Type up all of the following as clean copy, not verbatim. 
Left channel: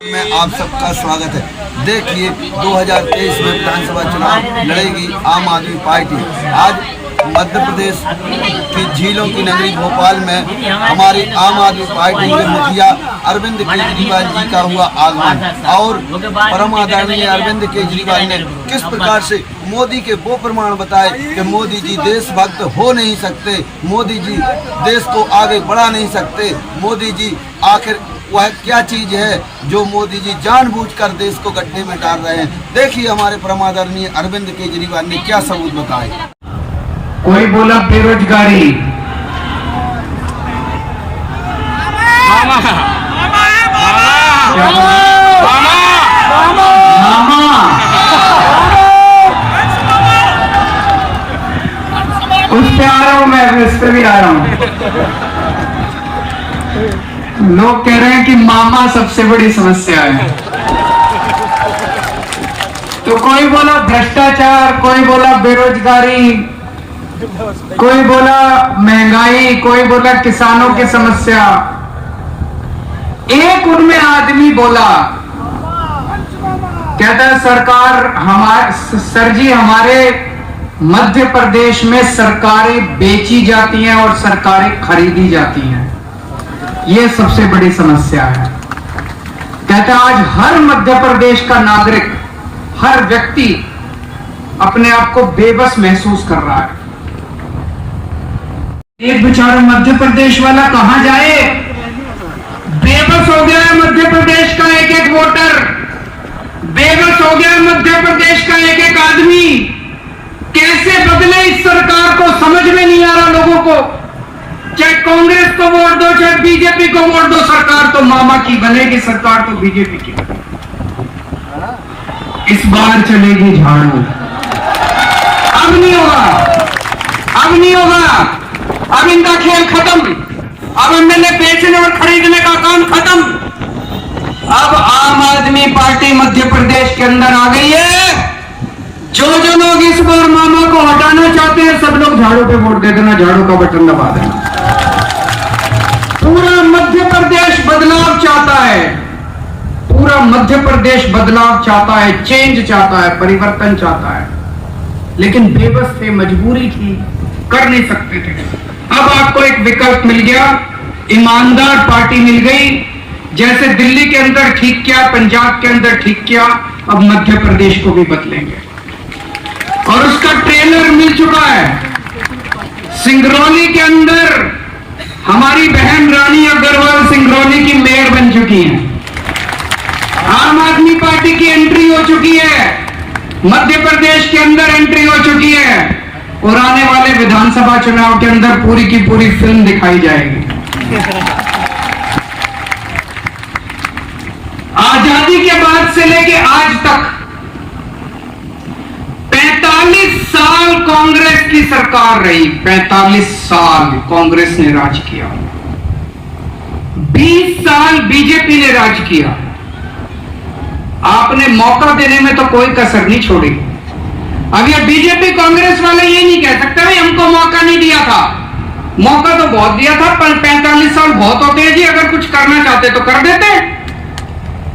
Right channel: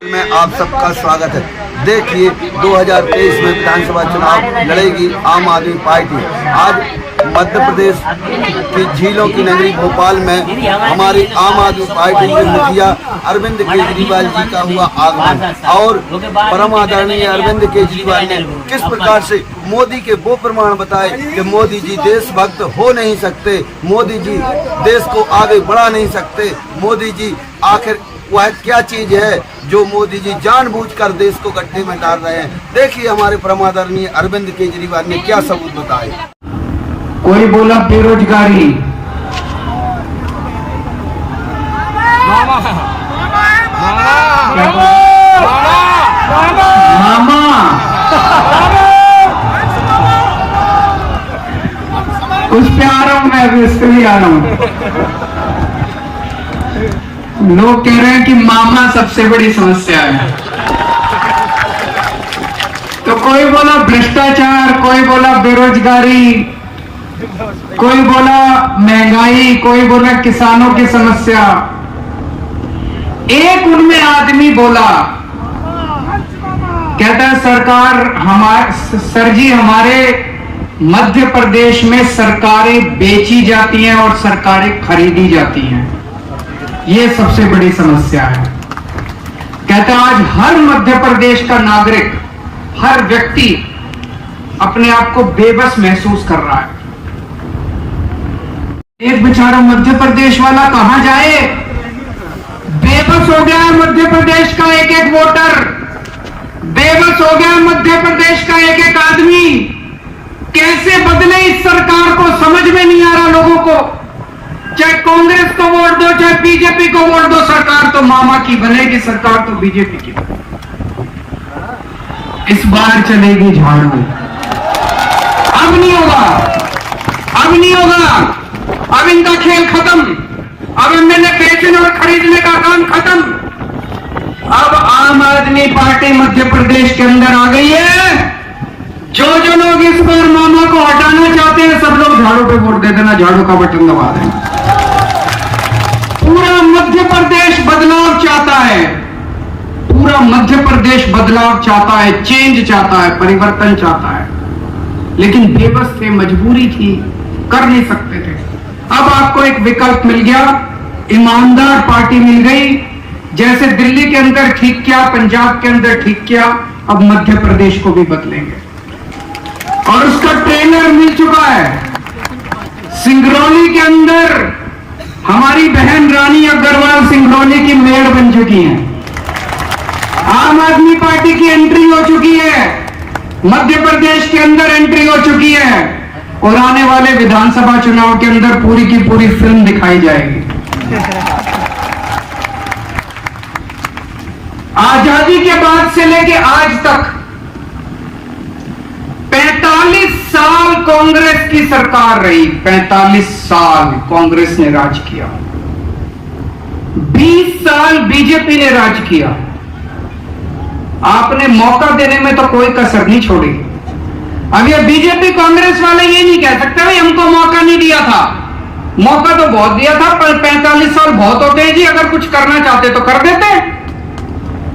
में आप सबका स्वागत है। देखिए 2023 में विधानसभा चुनाव लड़ेगी आम आदमी पार्टी। आज मध्य प्रदेश की झीलों की नगरी भोपाल में हमारी आम आदमी पार्टी के मुखिया अरविंद केजरीवाल जी का हुआ आगमन और परम आदरणीय अरविंद केजरीवाल ने किस प्रकार से मोदी के वो प्रमाण बताए कि मोदी जी देशभक्त हो नहीं सकते, मोदी जी देश को आगे बढ़ा नहीं सकते, मोदी जी आखिर वह क्या चीज है जो मोदी जी जानबूझकर देश को गड्ढे में डाल रहे हैं। देखिए हमारे परम आदरणीय अरविंद केजरीवाल ने क्या सबूत बताए। कोई बोला बेरोजगारी, मामा उस पे आ रहा हूं मैं, उस पे भी आ रहा हूं। लोग कह रहे हैं कि मामा सबसे बड़ी समस्या है, तो कोई बोला भ्रष्टाचार, कोई बोला बेरोजगारी, कोई बोला महंगाई, कोई बोला किसानों की समस्या। एक उनमें आदमी बोला, कहता है सरकार सर जी हमारे मध्य प्रदेश में सरकारें बेची जाती हैं और सरकारें खरीदी जाती हैं, ये सबसे बड़ी समस्या है। कहता आज हर मध्य प्रदेश का नागरिक, हर व्यक्ति अपने आप को बेबस महसूस कर रहा है। एक बेचारा मध्य प्रदेश वाला कहां जाए, बेबस हो गया है मध्य प्रदेश का एक एक वोटर, बेबस हो गया है मध्य प्रदेश का एक एक आदमी। कैसे बदले इस सरकार को समझ में नहीं आ रहा लोगों को। चाहे कांग्रेस को वोट दो, चाहे बीजेपी को वोट दो, सरकार तो मामा की बनेगी, सरकार तो बीजेपी की बनेगी। इस बार चलेगी झाड़ू। अब नहीं होगा, अब नहीं होगा, अब इनका खेल खत्म, अब एमएलए बेचने और खरीदने का काम खत्म। अब आम आदमी पार्टी मध्य प्रदेश के अंदर आ गई है। जो लोग इस बार मामा को हटाना चाहते हैं, सब लोग झाड़ू पे वोट दे देना, झाड़ू का बटन दबा देना। पूरा मध्य प्रदेश बदलाव चाहता है, पूरा मध्य प्रदेश बदलाव चाहता है, चेंज चाहता है, परिवर्तन चाहता है, लेकिन बेबस थे, मजबूरी थी, कर नहीं सकते थे। अब आपको एक विकल्प मिल गया, ईमानदार पार्टी मिल गई। जैसे दिल्ली के अंदर ठीक किया, पंजाब के अंदर ठीक किया, अब मध्य प्रदेश को भी बदलेंगे और उसका ट्रेलर मिल चुका है। सिंगरौली के अंदर हमारी बहन रानी अग्रवाल सिंगरौली की मेयर बन चुकी हैं। आम आदमी पार्टी की एंट्री हो चुकी है, मध्य प्रदेश के अंदर एंट्री हो चुकी है और आने वाले विधानसभा चुनाव के अंदर पूरी की पूरी फिल्म दिखाई जाएगी। आजादी के बाद से लेके आज तक 45 साल कांग्रेस की सरकार रही, 45 साल कांग्रेस ने राज किया, 20 साल बीजेपी ने राज किया। आपने मौका देने में तो कोई कसर नहीं छोड़ी। अब ये बीजेपी कांग्रेस वाले ये नहीं कह सकते भाई हमको मौका नहीं दिया था, मौका तो बहुत दिया था, पर 45 साल बहुत होते हैं जी, अगर कुछ करना चाहते तो कर देते,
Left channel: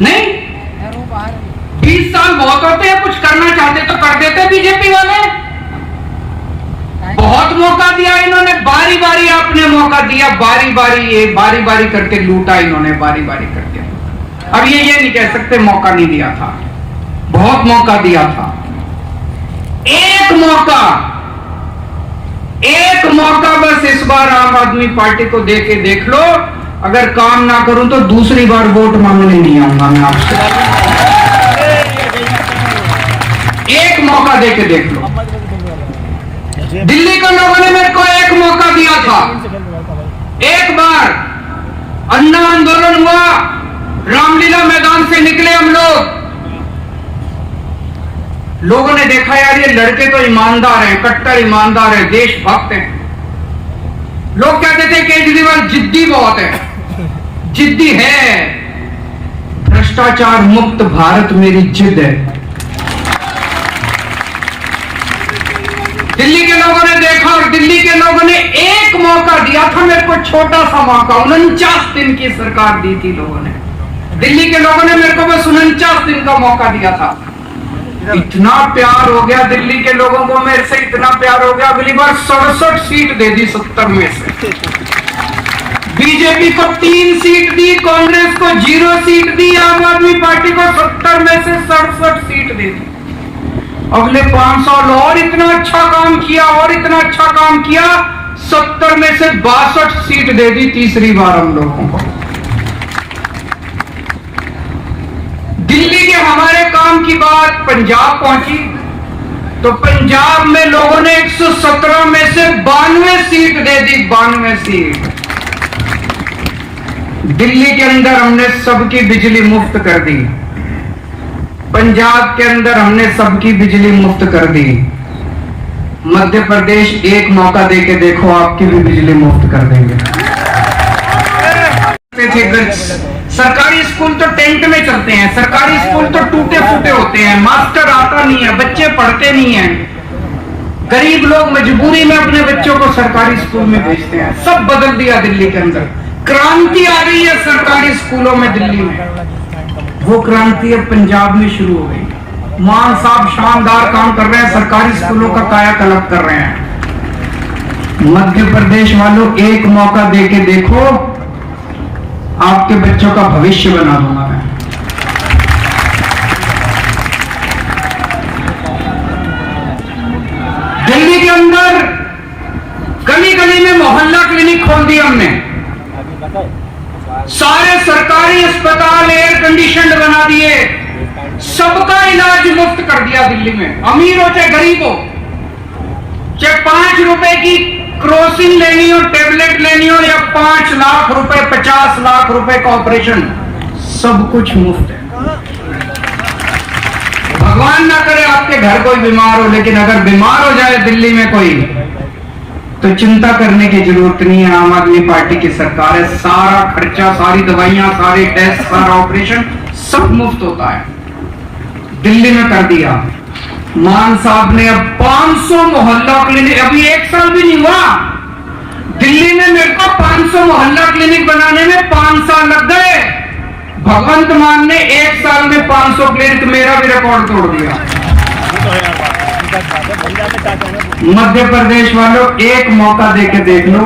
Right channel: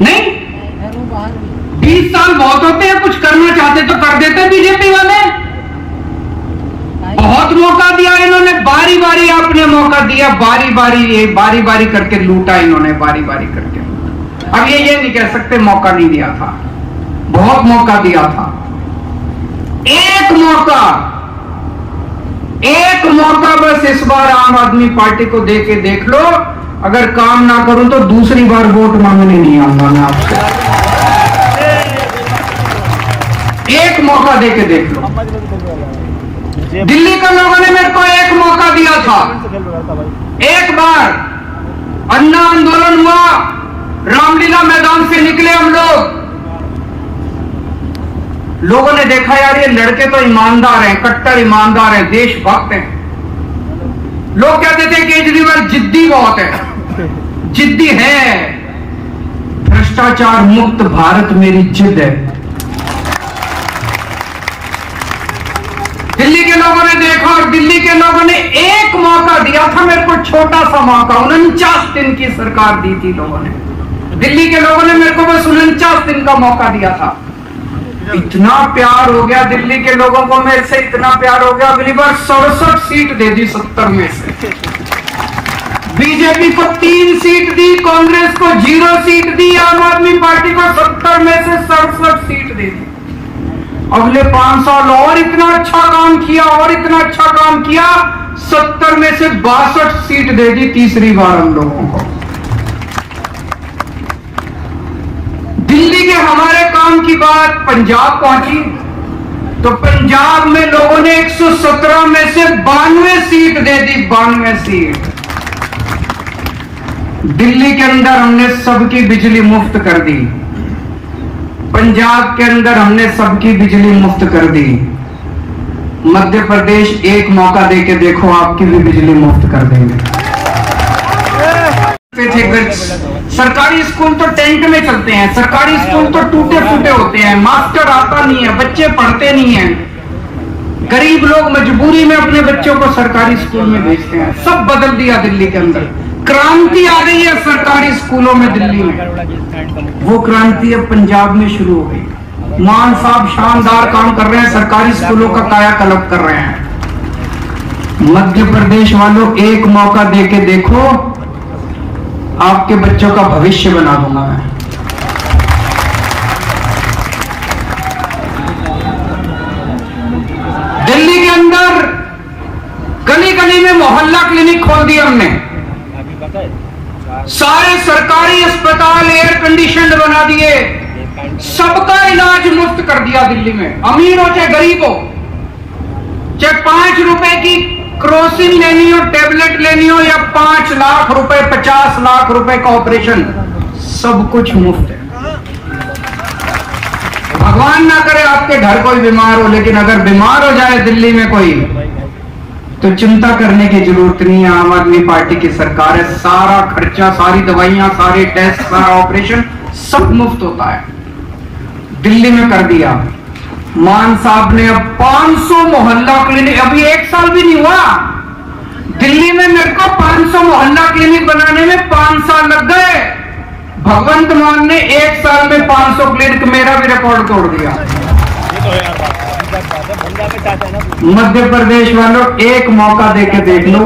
नहीं 20 साल बहुत होते हैं, कुछ करना चाहते तो कर देते। बीजेपी वाले बहुत मौका दिया इन्होंने, बारी बारी आपने मौका दिया, बारी बारी करके लूटा इन्होंने, बारी बारी करके। अब ये नहीं कह सकते मौका नहीं दिया था, बहुत मौका दिया था। एक मौका बस इस बार आम आदमी पार्टी को दे के देख लो, अगर काम ना करूं तो दूसरी बार वोट मांगने नहीं आऊंगा मैं आपसे। एक मौका दे के देख लो। दिल्ली के लोगों ने मेरे को एक मौका दिया था, एक बार अन्ना आंदोलन हुआ, रामलीला मैदान से निकले हम लोगों ने देखा यार ये लड़के तो ईमानदार हैं, कट्टर ईमानदार हैं, देशभक्त हैं। लोग कहते थे केजरीवाल जिद्दी बहुत है, जिद्दी है, भ्रष्टाचार मुक्त भारत मेरी जिद है। दिल्ली के लोगों ने देखा और दिल्ली के लोगों ने एक मौका दिया था मेरे को, छोटा सा मौका, 49 दिन की सरकार दी थी लोगों ने। दिल्ली के लोगों ने मेरे को बस 49 दिन का मौका दिया था। इतना प्यार हो गया दिल्ली के लोगों को मेरे से, इतना प्यार हो गया, अगली बार 67 सीट दे दी 70 में से। बीजेपी को 3 सीट दी, कांग्रेस को 0 सीट दी, आम आदमी पार्टी को 70 में से 67 सीट दे दी। अगले 5 साल और इतना अच्छा काम किया, और इतना अच्छा काम किया, 70 में से 62 सीट दे दी तीसरी बार हम लोगों को। दिल्ली के हमारे काम की बात पंजाब पहुंची तो पंजाब में लोगों ने 117 में से 92 सीट दे दी, 92 सीट। दिल्ली के अंदर हमने सबकी बिजली मुफ्त कर दी, पंजाब के अंदर हमने सबकी बिजली मुफ्त कर दी। मध्य प्रदेश एक मौका देके देखो, आपकी भी बिजली मुफ्त कर देंगे। सरकारी स्कूल तो टेंट में चलते हैं, सरकारी स्कूल तो टूटे फूटे होते हैं, मास्टर आता नहीं है, बच्चे पढ़ते नहीं हैं, गरीब लोग मजबूरी में अपने बच्चों को सरकारी स्कूल में भेजते हैं। सब बदल दिया दिल्ली के अंदर, क्रांति आ गई है सरकारी स्कूलों में दिल्ली में। वो क्रांति अब पंजाब में शुरू हो गई। मान साहब शानदार काम कर रहे हैं, सरकारी स्कूलों का कायाकल्प कर रहे हैं। मध्य प्रदेश वालों एक मौका देके देखो, आपके बच्चों का भविष्य बना दूंगा मैं। दिल्ली के अंदर गली गली में मोहल्ला क्लिनिक खोल दिया हमने, सारे सरकारी अस्पताल एयर कंडीशनड बना दिए, सबका इलाज मुफ्त कर दिया दिल्ली में। अमीर हो चाहे गरीब हो, चाहे 5 रुपए की क्रोसिन लेनी हो, टेबलेट लेनी हो, या 5 लाख रुपए 50 लाख रुपए का ऑपरेशन, सब कुछ मुफ्त है। भगवान ना करे आपके घर कोई बीमार हो, लेकिन अगर बीमार हो जाए दिल्ली में कोई, तो चिंता करने की जरूरत नहीं है। आम आदमी पार्टी की सरकार है, सारा खर्चा, सारी दवाइयां, सारे टेस्ट, सारा ऑपरेशन सब मुफ्त होता है। दिल्ली में कर दिया। मान साहब ने अब 500 मोहल्ला क्लिनिक, अभी 1 साल भी नहीं हुआ, दिल्ली में मेरे को 500 मोहल्ला क्लिनिक बनाने में 5 साल लग गए। भगवंत मान ने 1 साल में 500 क्लिनिक, मेरा भी रिकॉर्ड तोड़ दिया। मध्य प्रदेश वालों एक मौका देके देख लो,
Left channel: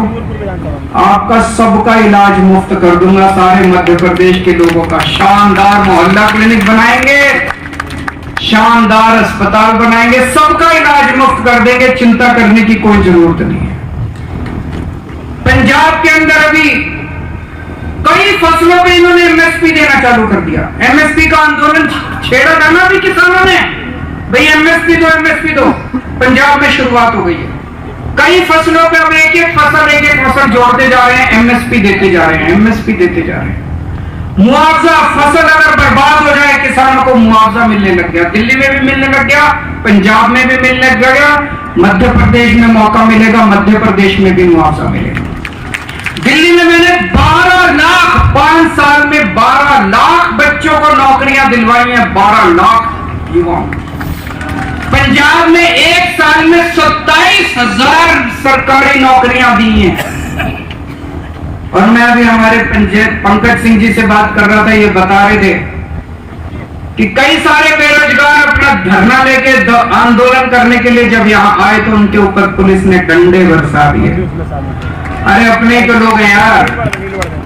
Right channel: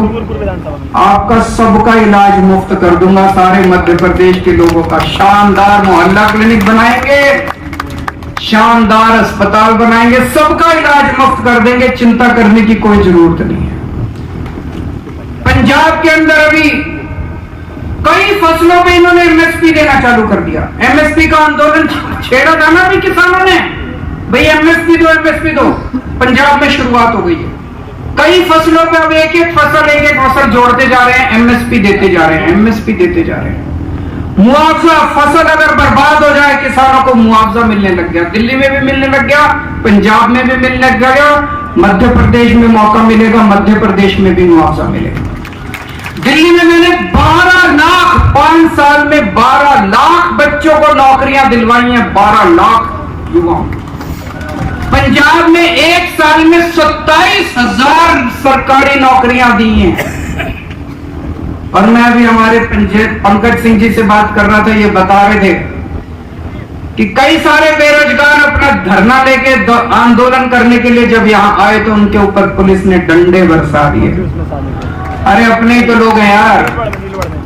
आपका सबका इलाज मुफ्त कर दूंगा। सारे मध्य प्रदेश के लोगों का शानदार मोहल्ला क्लिनिक बनाएंगे, शानदार अस्पताल बनाएंगे, सबका इलाज मुफ्त कर देंगे, चिंता करने की कोई जरूरत नहीं है। पंजाब के अंदर अभी कई फसलों पे इन्होंने एमएसपी देना चालू कर दिया। एमएसपी का आंदोलन छेड़ा था ना अभी किसानों ने, भाई एमएसपी दो, एमएसपी दो। पंजाब में शुरुआत हो गई है, कई फसलों पे अब एक एक फसल जोड़ते जा रहे हैं, एमएसपी देते जा रहे हैं, एमएसपी देते जा रहे हैं। मुआवजा, फसल अगर बर्बाद हो जाए किसानों को मुआवजा मिलने लग गया, दिल्ली में भी मिलने लग गया, पंजाब में भी मिलने लग गया, मध्य प्रदेश में मौका मिलेगा, मध्य प्रदेश में भी मुआवजा मिलेगा। दिल्ली में मैंने 12 लाख 5 साल में 12 लाख बच्चों को नौकरियां दिलवाई हैं, 12 लाख युवाओं। पंजाब में 1 साल में 27,000 सरकारी नौकरियां दी हैं। और मैं अभी हमारे पंकज सिंह जी से बात कर रहा था, ये बता रहे थे कि कई सारे बेरोजगार अपना धरना लेके आंदोलन करने के लिए जब यहाँ आए तो उनके ऊपर पुलिस ने डंडे बरसा दिए। अरे अपने ही तो लोग हैं यार,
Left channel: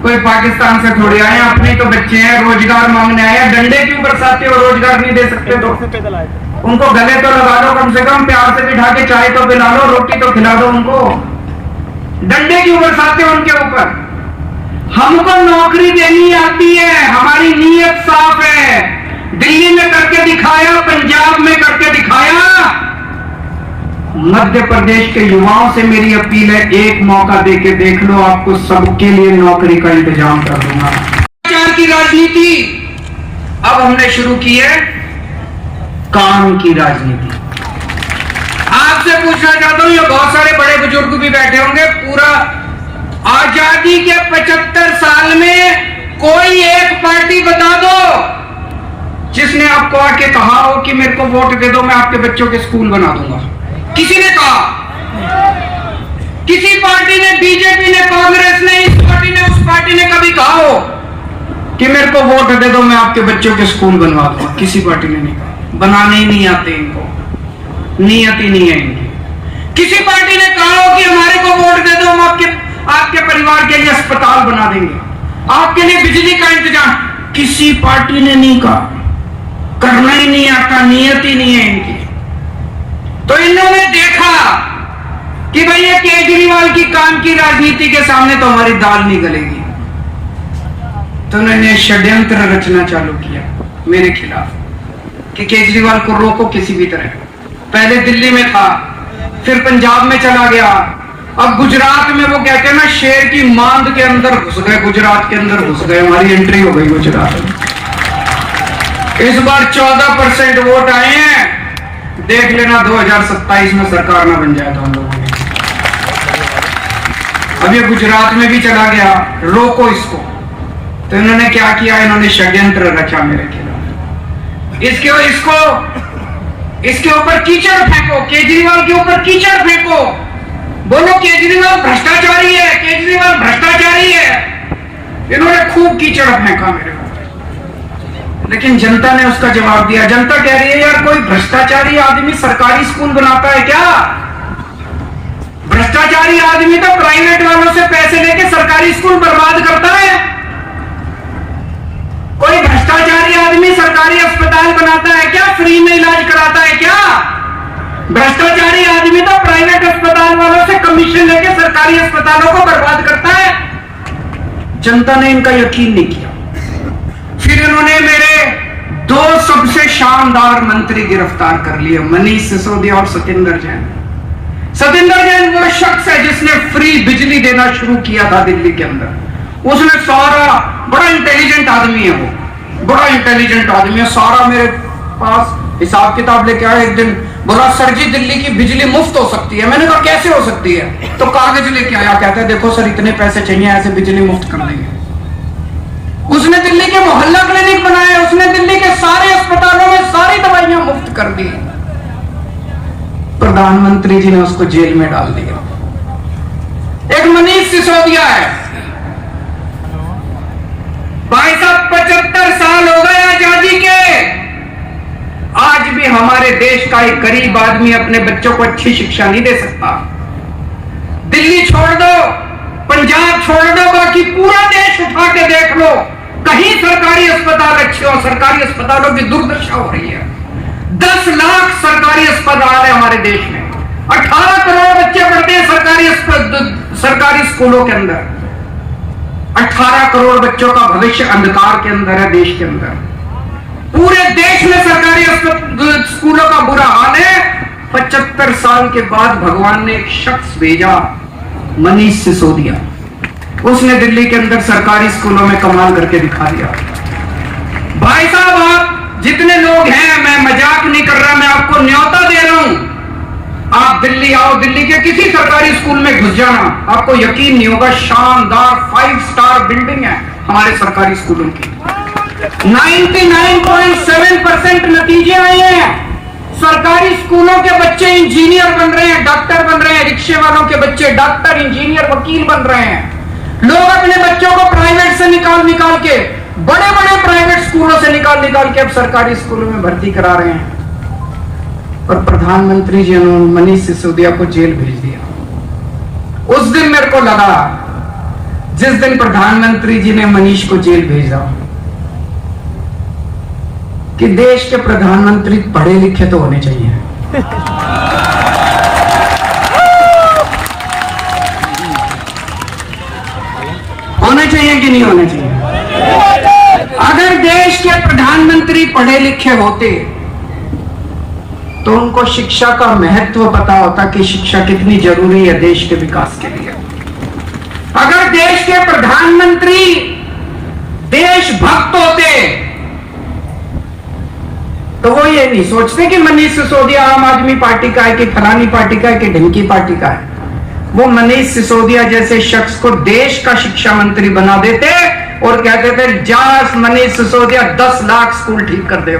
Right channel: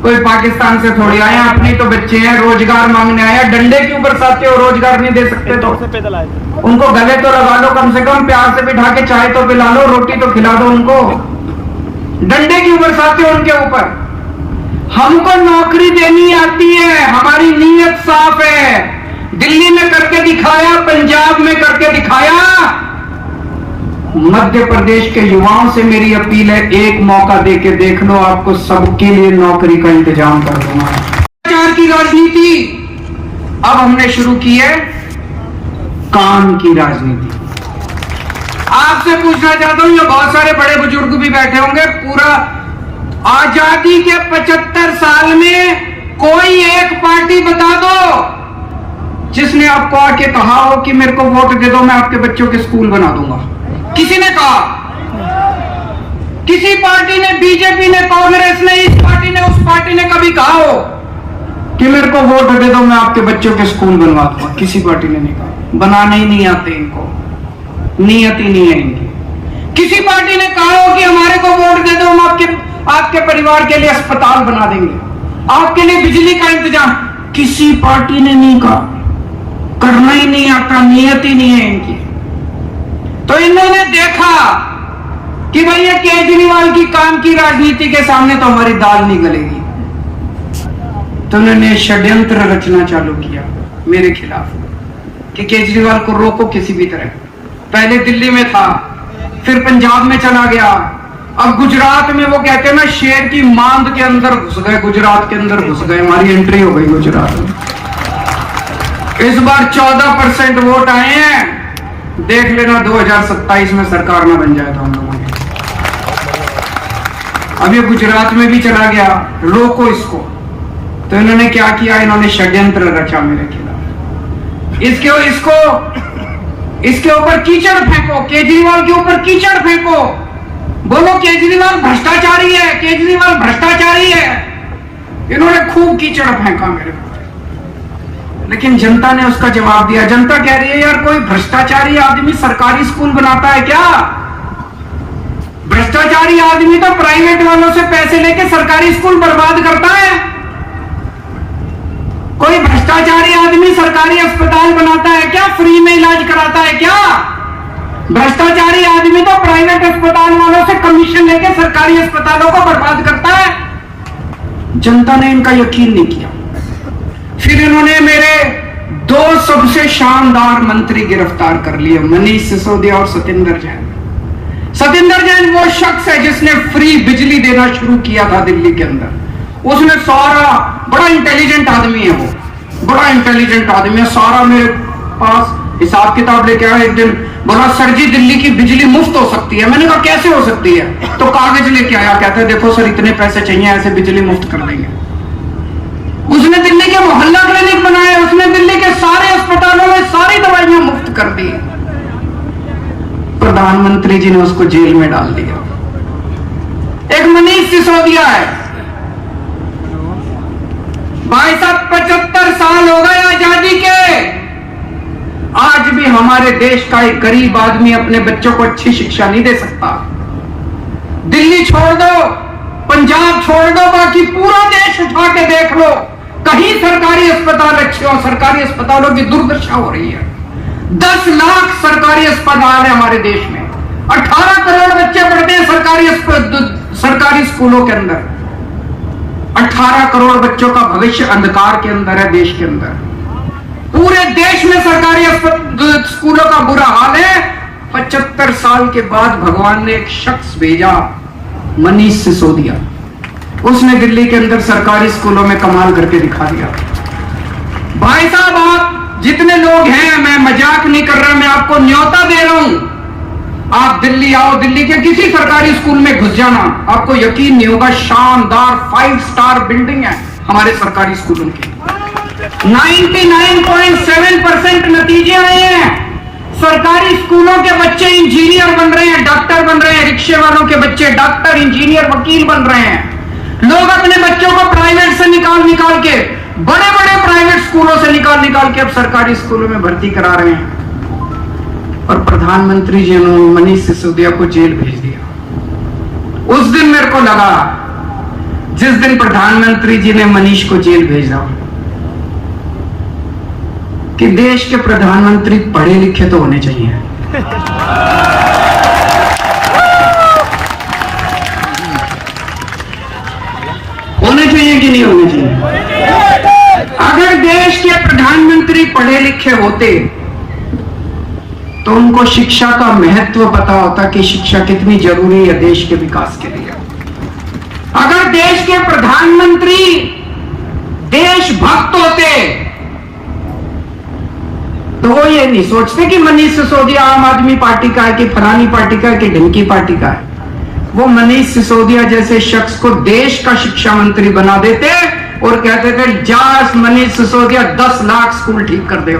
कोई पाकिस्तान से थोड़ी आए हैं, अपने तो बच्चे हैं, रोजगार मांगने आए हैं, डंडे क्यों बरसाते हो? रोजगार नहीं दे सकते तो उनको गले तो लगा लो, कम से कम प्यार से बिठा के चाय तो पिला लो, रोटी तो खिला दो उनको, डंडे क्यों बरसाते हो उनके ऊपर? हमको नौकरी देनी आती है, हमारी नीयत साफ है। दिल्ली में करके दिखाया, पंजाब में करके दिखाया। मध्य प्रदेश के युवाओं से मेरी अपील है, एक मौका देके देख लो, आपको सबके लिए नौकरी का इंतजाम कर दूंगा। भ्रष्टाचार की राजनीति अब हमने शुरू की है, काम की राजनीति। आपसे पूछना चाहता हूं, ये बहुत सारे बड़े बुजुर्ग भी बैठे होंगे, पूरा आजादी के 75 साल में कोई एक पार्टी बता दो जिसने आपको आके कहा हो कि मेरे को वोट दे दो, मैं आपके बच्चों के स्कूल बना दूंगा। किसी ने कहा? किसी पार्टी ने, बीजेपी ने, कांग्रेस ने, इस पार्टी ने, उस पार्टी ने कभी कहा हो कि मेरे को वोट दे दो मैं आपके बच्चों के स्कूल बनवा दूंगा। किसी पार्टी ने नहीं कहा, बनाने ही नहीं आते इनको, नियत ही नहीं है इनकी। किसी पार्टी ने कहा हो कि हमारे को वोट दे दो, हम आपके परिवार के लिए अस्पताल बना देंगे, आपके लिए बिजली का इंतजाम, किसी पार्टी ने नहीं कहा। करना ही नहीं आता, नियत ही नहीं है इनकी। तो इन्होंने देखा कि भैया केजरीवाल की काम की राजनीति के सामने तो हमारी दाल नहीं गलेगी, तो उन्होंने षड्यंत्र रचना चालू किया मेरे खिलाफ कि केजरीवाल को रोको किसी भी तरह। पहले दिल्ली में था, फिर पंजाब में चला गया, अब गुजरात में वो कहते हैं ना शेर की मांद के अंदर घुस गए, गुजरात के अंदर घुस गए, हमारी एंट्री हो गई गुजरात में। इस बार 14% वोट आए हैं, देख लेना 2027 में सरकार ना बन जाए तो हम लोगों ने। अब ये गुजरात में भी चला गया, रोको इसको। तो इन्होंने क्या किया, इन्होंने षड्यंत्र रचा मेरे खिलाफ। इसके ऊपर कीचड़ फेंको, केजरीवाल के ऊपर कीचड़ फेंको, बोलो केजरीवाल भ्रष्टाचारी है, केजरीवाल भ्रष्टाचारी है। इन्होंने खूब कीचड़ फेंका मेरे ऊपर, लेकिन जनता ने उसका जवाब दिया। जनता कह रही है यार कोई भ्रष्टाचारी आदमी सरकारी स्कूल बनाता है क्या? भ्रष्टाचारी आदमी तो प्राइवेट वालों से पैसे लेके सरकारी स्कूल बर्बाद करता है। कोई भ्रष्टाचारी आदमी सरकारी अस्पताल बनाता है क्या? फ्री में इलाज कराता है क्या? भ्रष्टाचारी आदमी तो प्राइवेट अस्पताल वालों से कमीशन लेके सरकारी अस्पतालों को बर्बाद करता है। जनता ने इनका यकीन नहीं किया। फिर इन्होंने मेरे 2 सबसे शानदार मंत्री गिरफ्तार कर लिए, मनीष सिसोदिया और सतेंद्र जैन। सतेंद्र जैन वो शख्स है जिसने फ्री बिजली देना शुरू किया था दिल्ली के अंदर। उसने सारा, बड़ा इंटेलिजेंट आदमी है वो, बड़ा इंटेलिजेंट आदमी है, सारा मेरे पास हिसाब किताब लेके आया। एक दिन बोला सर जी दिल्ली की बिजली मुफ्त हो सकती है। मैंने कहा कैसे हो सकती है? तो कागज लेके आया, कहते देखो सर इतने पैसे चाहिए, ऐसे बिजली मुफ्त कर देंगे। उसने दिल्ली के मोहल्ला क्लिनिक बनाए, उसने दिल्ली के सारे अस्पतालों में सारी दवाइयां मुफ्त कर दी। प्रधानमंत्री जी ने उसको जेल में डाल दिया। एक मनीष सिसोदिया है, भाई साहब 75 साल हो गए आजादी के, आज भी हमारे देश का एक गरीब आदमी अपने बच्चों को अच्छी शिक्षा नहीं दे सकता। दिल्ली छोड़ दो, पंजाब छोड़ दो, बाकी पूरा देश उठा के देख लो, कहीं सरकारी अस्पताल अच्छे हो। सरकारी अस्पतालों की दुर्दशा हो रही है। 10 लाख सरकारी अस्पताल है हमारे देश में, 18 करोड़ बच्चे पढ़ते हैं सरकारी स्कूलों के अंदर। 18 करोड़ बच्चों का भविष्य अंधकार के अंदर है देश के अंदर। पूरे देश में सरकारी स्कूलों का बुरा हाल है। 75 साल के बाद भगवान ने एक शख्स भेजा, मनीष सिसोदिया। उसने दिल्ली के अंदर सरकारी स्कूलों में कमाल करके दिखा दिया। भाई साहब आप जितने लोग हैं, मैं मजाक नहीं कर रहा, मैं आपको न्योता दे रहा हूं, आप दिल्ली आओ, दिल्ली के किसी सरकारी स्कूल में घुस जाना, आपको यकीन नहीं होगा, शानदार 5 स्टार बिल्डिंग है हमारे सरकारी स्कूलों की। 99.7% नतीजे आए हैं। सरकारी स्कूलों के बच्चे इंजीनियर बन रहे हैं, डॉक्टर बन रहे हैं, रिक्शे वालों के बच्चे डॉक्टर, इंजीनियर, वकील बन रहे हैं। लोग अपने बच्चों को प्राइवेट से निकाल के, बड़े बड़े प्राइवेट स्कूलों से निकाल के अब सरकारी स्कूलों में भर्ती करा रहे हैं। और प्रधानमंत्री जी ने मनीष सिसोदिया को जेल भेज दिया। उस दिन मेरे को लगा, जिस दिन प्रधानमंत्री जी ने मनीष को जेल भेजा, कि देश के प्रधानमंत्री पढ़े लिखे तो होने चाहिए। होने चाहिए कि नहीं होने चाहिए? अगर देश के प्रधानमंत्री पढ़े लिखे होते तो उनको शिक्षा का महत्व पता होता कि शिक्षा कितनी जरूरी है देश के विकास के लिए। अगर देश के प्रधानमंत्री देशभक्त होते तो वो ये नहीं सोचते कि मनीष सिसोदिया आम आदमी पार्टी का है कि फलानी पार्टी का है कि ढंकी पार्टी का है। वो मनीष सिसोदिया जैसे शख्स को देश का शिक्षा मंत्री बना देते और कहते थे जा मनीष सिसोदिया 10 लाख स्कूल ठीक कर दे।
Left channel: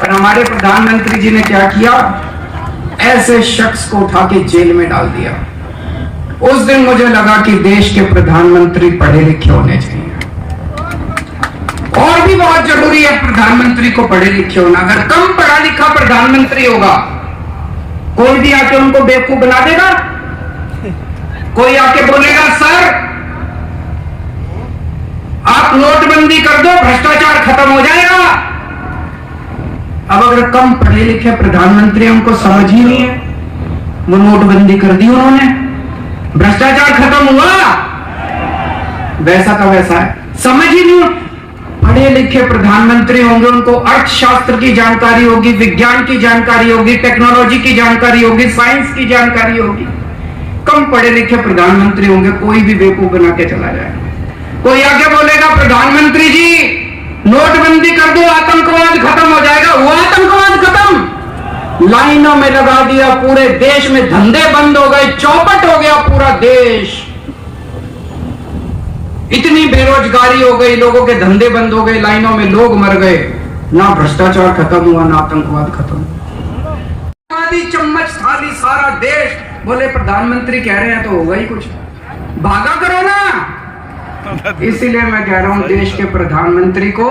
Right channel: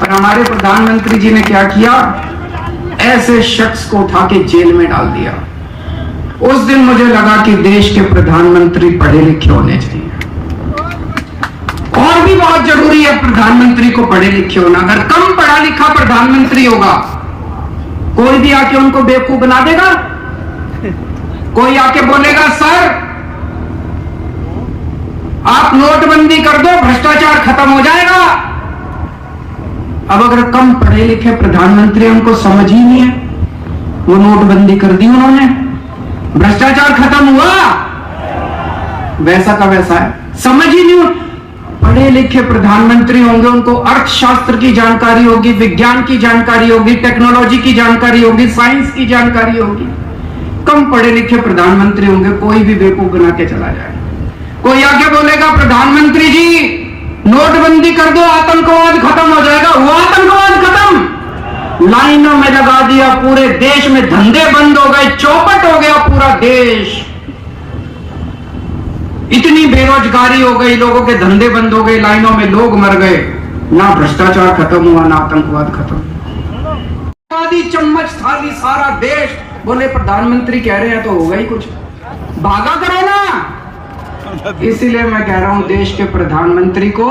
पर हमारे प्रधानमंत्री जी ने क्या किया, ऐसे शख्स को उठा के जेल में डाल दिया। उस दिन मुझे लगा कि देश के प्रधानमंत्री पढ़े लिखे होने चाहिए। बहुत जरूरी है प्रधानमंत्री को पढ़े लिखे होना। अगर कम पढ़ा लिखा प्रधानमंत्री होगा, कोई भी आके उनको बेवकूफ बना देगा। कोई आके बोलेगा सर आप नोटबंदी कर दो, भ्रष्टाचार खत्म हो जाएगा। अब अगर कम पढ़े लिखे प्रधानमंत्री, उनको समझ ही नहीं है, वो नोटबंदी कर दी उन्होंने, भ्रष्टाचार खत्म हुआ, वैसा का वैसा है, समझ ही नहीं। पढ़े लिखे प्रधानमंत्री होंगे, उनको अर्थशास्त्र की जानकारी होगी, विज्ञान की जानकारी होगी, टेक्नोलॉजी की जानकारी होगी, साइंस की जानकारी होगी। कम पढ़े लिखे प्रधानमंत्री होंगे, कोई भी बेवकूफ बना के चला जाए। कोई आके बोलेगा प्रधानमंत्री जी नोटबंदी कर दो, आतंकवाद खत्म हो जाएगा। हुआ आतंकवाद खत्म, लाइनों में लगा दिया, पूरे देश में धंधे बंद हो गए, चौपट हो गया पूरा देश। इतनी बेरोजगारी हो गई, लोगों के धंधे बंद हो गए, लाइनों में लोग मर गए। ना भ्रष्टाचार खत्म हुआ, ना आतंकवाद खत्म हुआ। आदि चम्मच थाली सारा देश, बोले प्रधानमंत्री कह रहे हैं तो होगा ही कुछ, भागा करो ना। इसीलिए मैं कह रहा हूं देश के प्रधानमंत्री को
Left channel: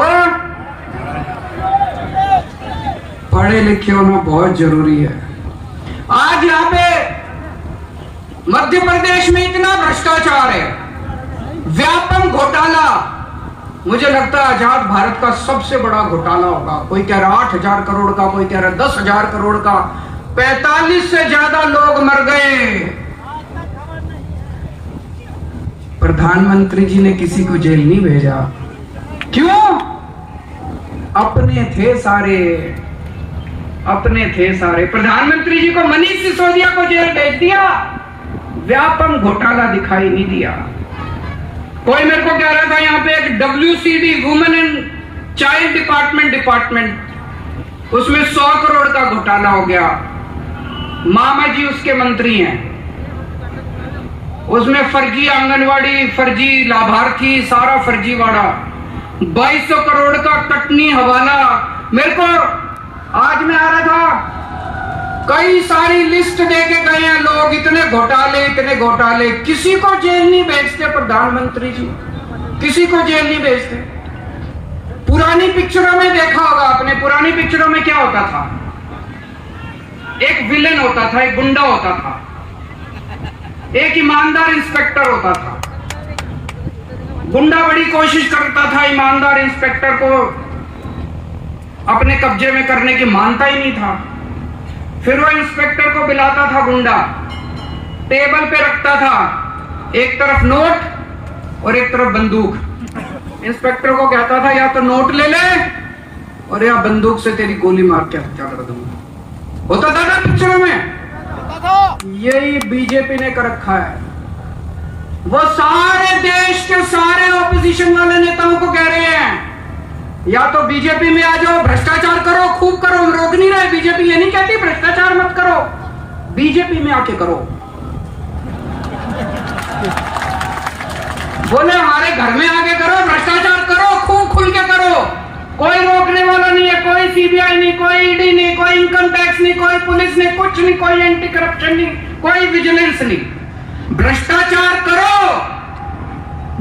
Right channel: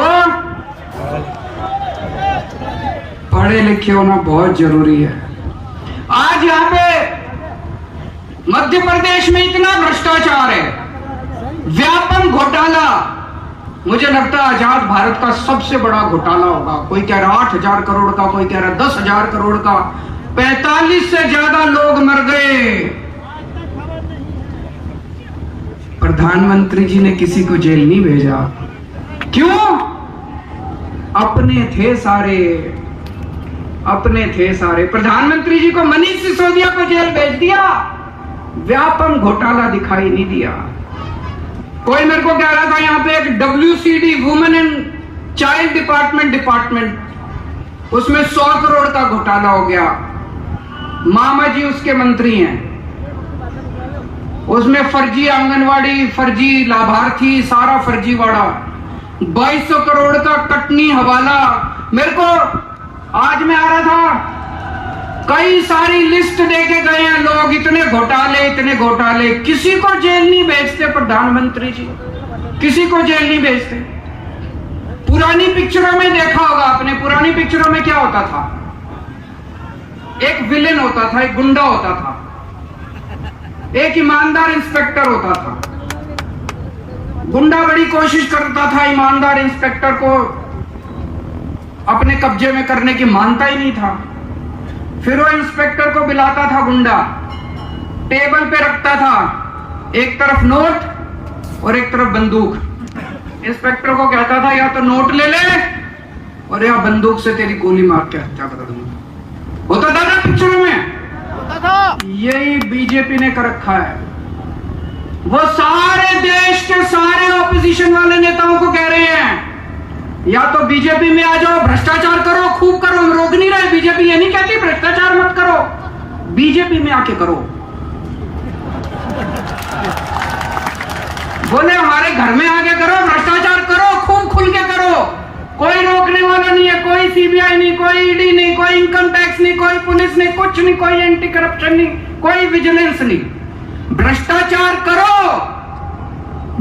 पढ़े लिखे होना बहुत जरूरी है। आज यहां पे मध्य प्रदेश में इतना भ्रष्टाचार है, व्यापक घोटाला। मुझे लगता है आजाद भारत का सबसे बड़ा घोटाला होगा। कोई कह रहा 8,000 करोड़ का, कोई कह रहा 10,000 करोड़ का। 45 से ज्यादा लोग मर गए। प्रधानमंत्री जी ने किसी को जेल नहीं भेजा। क्यों? अपने थे सारे, अपने थे सारे। प्रधानमंत्री जी को मनीष सिसोदिया को जेल भेज दिया, व्यापक घोटाला दिखाई नहीं दिया। कोई मेरे को कह रहा था यहां पे एक WCD women and child department, उसमें 100 करोड़ का घोटाला हो गया। मामा जी उसके मंत्री हैं, उसमें फर्जी आंगनवाड़ी, फर्जी लाभार्थी, सारा फर्जीवाड़ा। 2200 करोड़ का कटनी हवाला। मेरे को आज मैं आ रहा था, कई सारी लिस्ट देके गए हैं लोग, इतने घोटाले, इतने घोटाले। किसी को जेल नहीं भेजते प्रधानमंत्री जी, किसी को जेल नहीं भेजते। पुरानी पिक्चरों में देखा होगा आपने, पुरानी पिक्चरों में क्या होता था? एक विलेन होता था, एक गुंडा होता था, एक ईमानदार इंस्पेक्टर होता था। गुंडा बड़ी कोशिश करता था ईमानदार इंस्पेक्टर को अपने कब्जे में करने की, मानता ही नहीं था। फिर वो इंस्पेक्टर को बुलाता था गुंडा, टेबल पे रखता था एक तरफ नोट और एक तरफ बंदूक। इंस्पेक्टर को कहता था या तो नोट ले ले और या बंदूक से तेरी गोली मार के हत्या कर दूंगा। होता था ना पिक्चरों में? यही बीजेपी ने कर रखा है। वो सारे देश के सारे ऑपोजिशन वाले नेताओं को कह रहे हैं या तो बीजेपी में आ जाओ, भ्रष्टाचार करो, खूब करो। हम रोक नहीं रहे, बीजेपी ये नहीं कहती भ्रष्टाचार मत करो, बीजेपी में आके करो। बोले हमारे घर में आके करो, भ्रष्टाचार करो, खूब खुल के करो, कोई रोकने वाला नहीं है। कोई सीबीआई नहीं, कोई ईडी नहीं, कोई इनकम टैक्स नहीं, कोई पुलिस नहीं, कुछ नहीं, कोई एंटी करप्शन नहीं, कोई विजिलेंस नहीं। भ्रष्टाचार करो,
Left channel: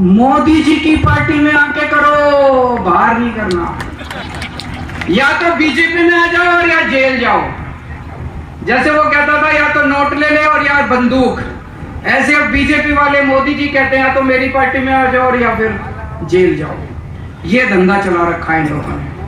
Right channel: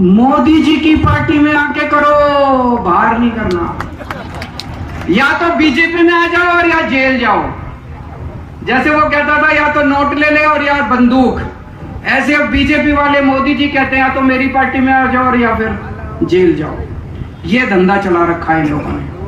मोदी जी की पार्टी में आके करो, बाहर नहीं करना। या तो बीजेपी में आ जाओ और या जेल जाओ। जैसे वो कहता था या तो नोट ले ले और या बंदूक, ऐसे अब बीजेपी वाले मोदी जी कहते हैं या तो मेरी पार्टी में आ जाओ और या फिर जेल जाओ। ये धंधा चला रखा है इन लोगों ने।